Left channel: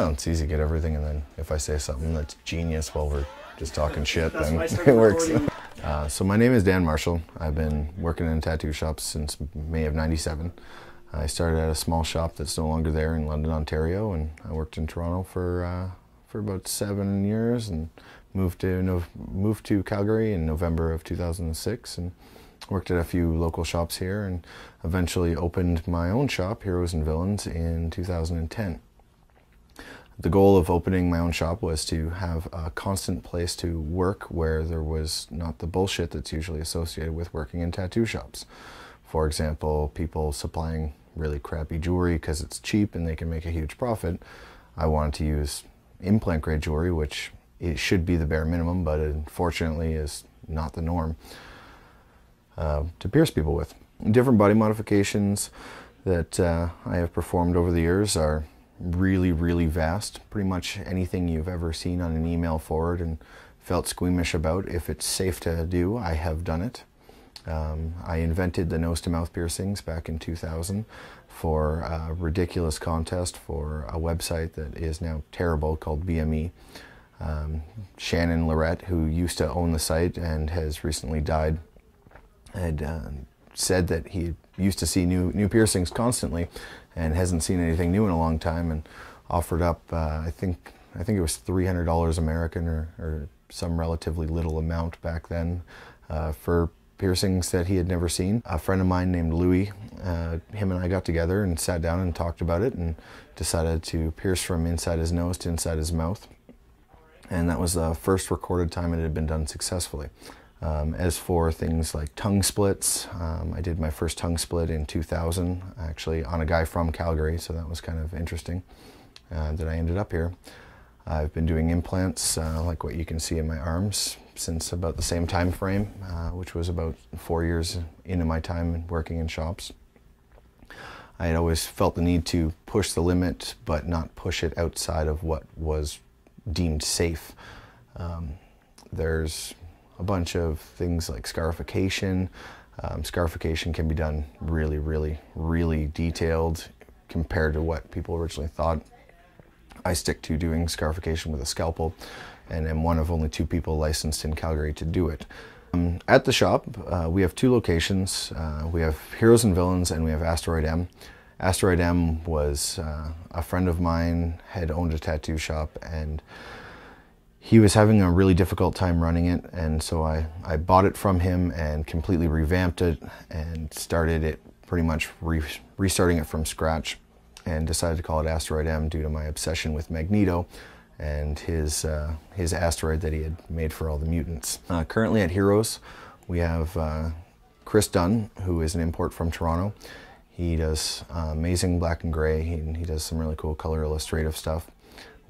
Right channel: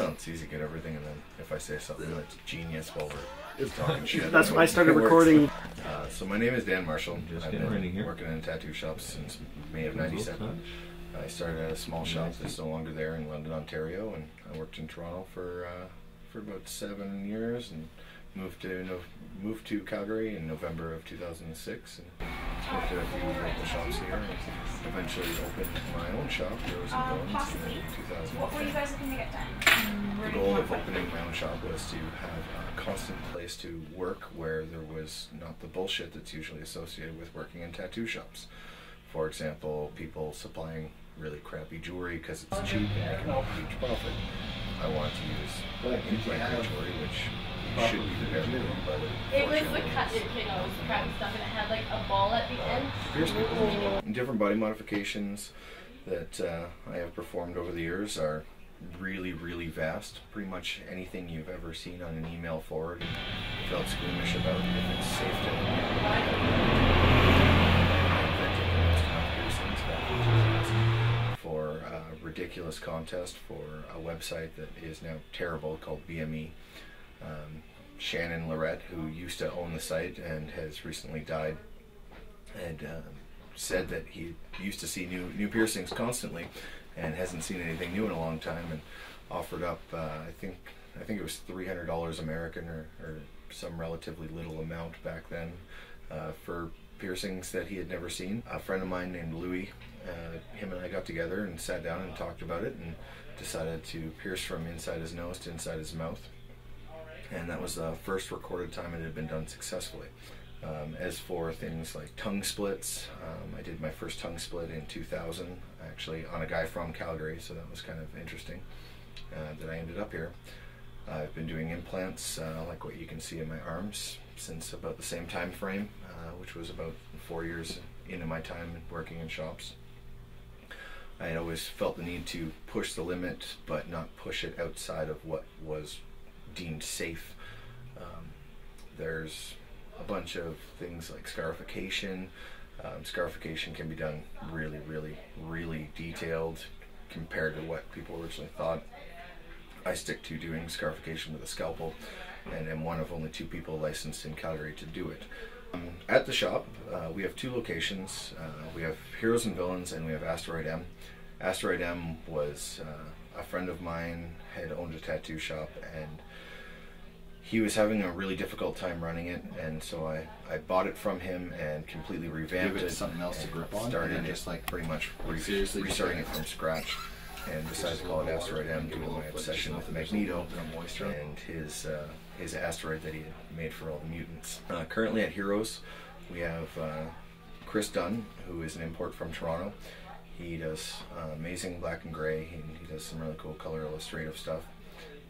Oh, it's easy to get everything, and then if I say something that's genius while we're just talking shit, That's when I started recording. So my name is Dan Marshall. I've been working in tattoo shops since May of '97. I started at a small shop that's no longer there in London, Ontario, and I worked in Toronto for about 7 years, and moved to Calgary in November of 2006, and worked at a few local shops here, and eventually opened my own shop, Heroes and Villains, in 2010. The goal of opening my own shop was to have a constant place to work where there was not the bullshit that's usually associated with working in tattoo shops. For example, people supplying really crappy jewelry because it's cheap and they can make a huge profit. I wanted to use implant grade jewelry, which it should be the bare minimum, but unfortunately is not the norm, to pierce people with. Different body modifications that I have performed over the years are really vast. Pretty much anything you've ever seen on an email forward and felt squeamish about, if it's safe to do, I have done it. I invented the nose-to-mouth piercings back in 2000 for a ridiculous contest for a website that is now terrible called BME. Shannon Lorette, who used to own the site and has recently died, had said that he used to see new piercings constantly and hasn't seen anything new in a long time, and offered up I think it was $300 American or some relatively little amount back then for piercings that he had never seen. A friend of mine named Louis, him and I got together and sat down and talked about it and decided to pierce from inside his nose to inside his mouth, and that was the first recorded time it had been done successfully. As for things like tongue splits, I did my first tongue split in 2000, actually on a guy from Calgary, so that was kind of interesting that I ended up here. I've been doing implants, like what you can see in my arms, since about the same time frame, which was about 4 years into my time working in shops. I had always felt the need to push the limit, but not push it outside of what was deemed safe. There's a bunch of things like scarification. Scarification can be done really detailed compared to what people originally thought. I stick to doing scarification with a scalpel, and am one of only 2 people licensed in Calgary to do it. At the shop, we have 2 locations. We have Heroes and Villains, and we have Asteroid M. Asteroid M was a friend of mine, had owned a tattoo shop, and he was having a really difficult time running it, and so I bought it from him and completely revamped it and started it pretty much restarting it from scratch, and decided to call it Asteroid M due to my obsession with Magneto and his asteroid that he had made for all the mutants. Currently at Heroes, we have Chris Dunn, who is an import from Toronto. He does amazing black and gray, he does some really cool color illustrative stuff.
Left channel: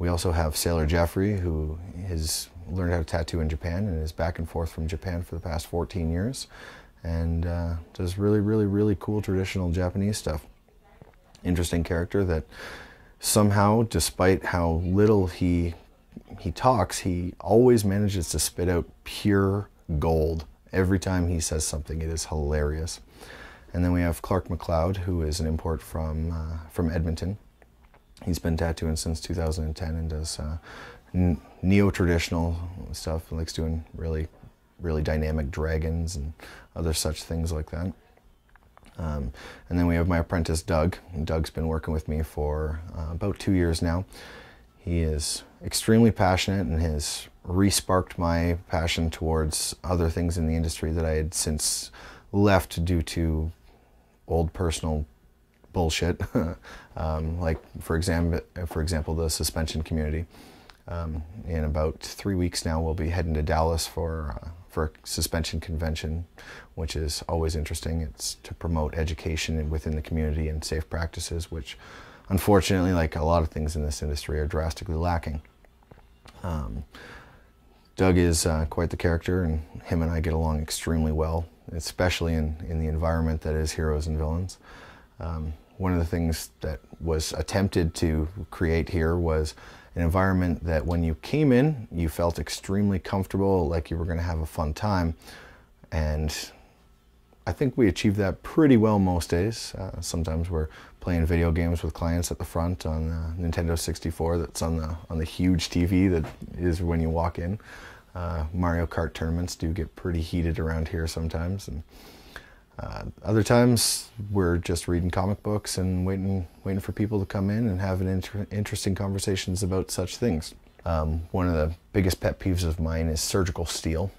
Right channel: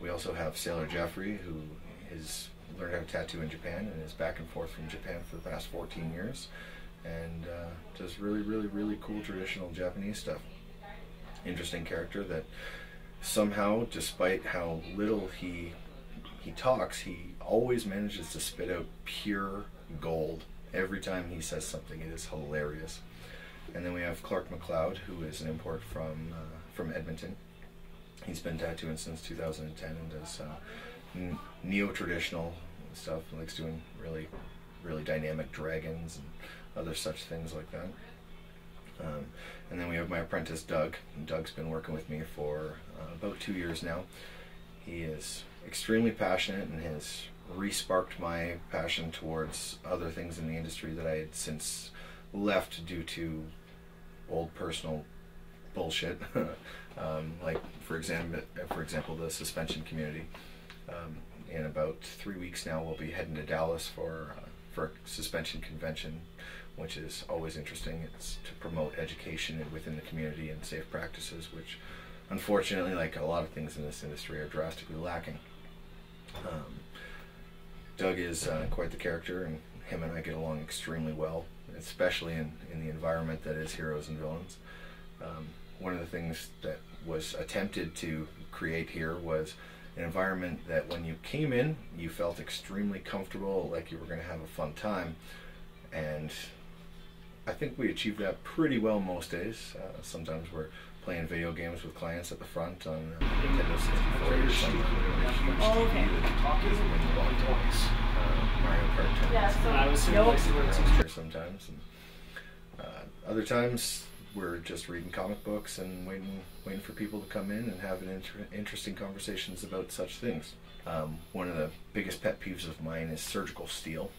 We also have Sailor Jeffrey, who has learned how to tattoo in Japan and is back and forth from Japan for the past 14 years, and does really cool traditional Japanese stuff. Interesting character that somehow, despite how little he talks, he always manages to spit out pure gold. Every time he says something, it is hilarious. And then we have Clark McLeod, who is an import from Edmonton. He's been tattooing since 2010 and does neo-traditional stuff. He likes doing really dynamic dragons and other such things like that. And then we have my apprentice Doug. And Doug's been working with me for about 2 years now. He is extremely passionate and has re-sparked my passion towards other things in the industry that I had since left due to old personal bullshit. Like for example, the suspension community. In about 3 weeks now, we'll be heading to Dallas for a suspension convention, which is always interesting. It's to promote education within the community and safe practices, which unfortunately, like a lot of things in this industry, are drastically lacking. Doug is quite the character, and him and I get along extremely well, especially in the environment that is Heroes and Villains. One of the things that was attempted to create here was an environment that when you came in, you felt extremely comfortable, like you were going to have a fun time. And I think we achieved that pretty well most days. Sometimes we're playing video games with clients at the front on the Nintendo 64 that's on the huge TV that is when you walk in. Mario Kart tournaments do get pretty heated around here sometimes. And other times we're just reading comic books and waiting for people to come in and having interesting conversations about such things. One of the biggest pet peeves of mine is surgical steel.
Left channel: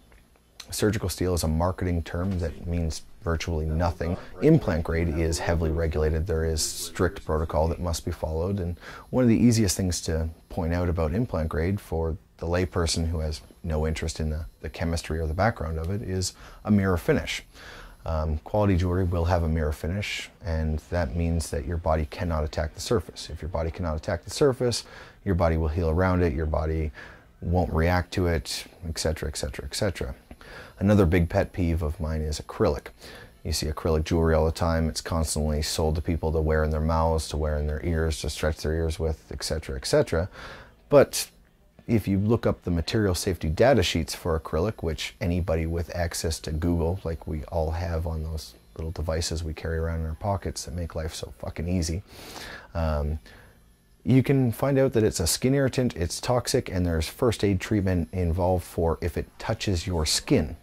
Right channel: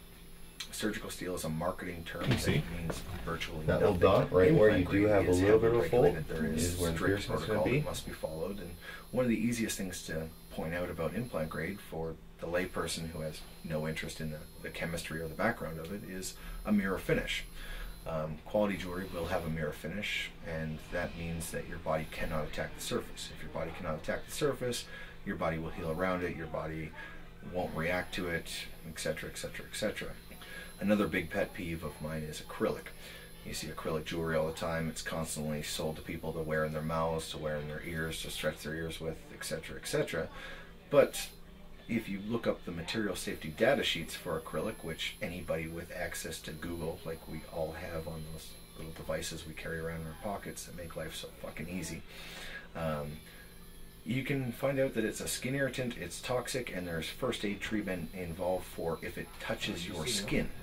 Surgical steel is a marketing term that means virtually nothing. Implant grade is heavily regulated. There is strict protocol that must be followed. And one of the easiest things to point out about implant grade for the layperson who has no interest in the chemistry or the background of it is a mirror finish. Quality jewelry will have a mirror finish, and that means that your body cannot attack the surface. If your body cannot attack the surface, your body will heal around it, your body won't react to it, etc., etc., etc. Another big pet peeve of mine is acrylic. You see acrylic jewelry all the time. It's constantly sold to people to wear in their mouths, to wear in their ears, to stretch their ears with, etc., etc. But if you look up the material safety data sheets for acrylic, which anybody with access to Google, like we all have on those little devices we carry around in our pockets that make life so fucking easy, you can find out that it's a skin irritant, it's toxic, and there's first aid treatment involved for if it touches your skin.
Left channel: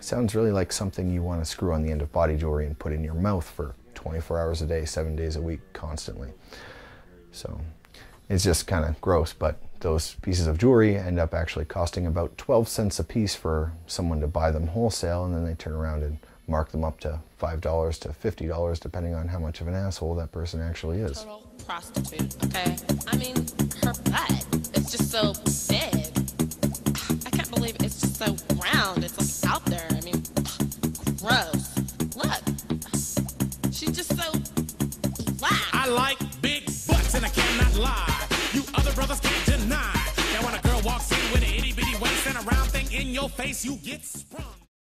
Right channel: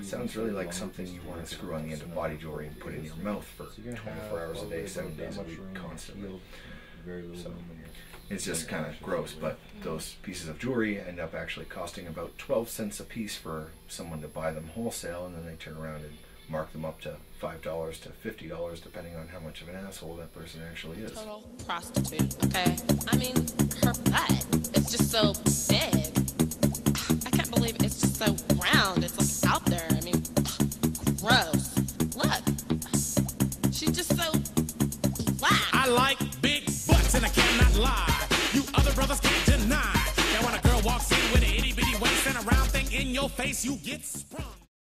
Sounds really like something you want to screw on the end of body jewelry and put in your mouth for 24 hours a day, 7 days a week, constantly. So it's just kind of gross, but those pieces of jewelry end up actually costing about 12 cents a piece for someone to buy them wholesale, and then they turn around and mark them up to $5 to $50, depending on how much of an asshole that person actually is. Total prostitute, okay? I mean, her butt is just so big. I can't believe it's just so round. It's like out there. I mean, gross. Look, she's just so flat. I like big butts and I cannot lie. You other brothers can't deny. Now when a girl walks in with an itty bitty waist and a round thing in your face, you get sprung.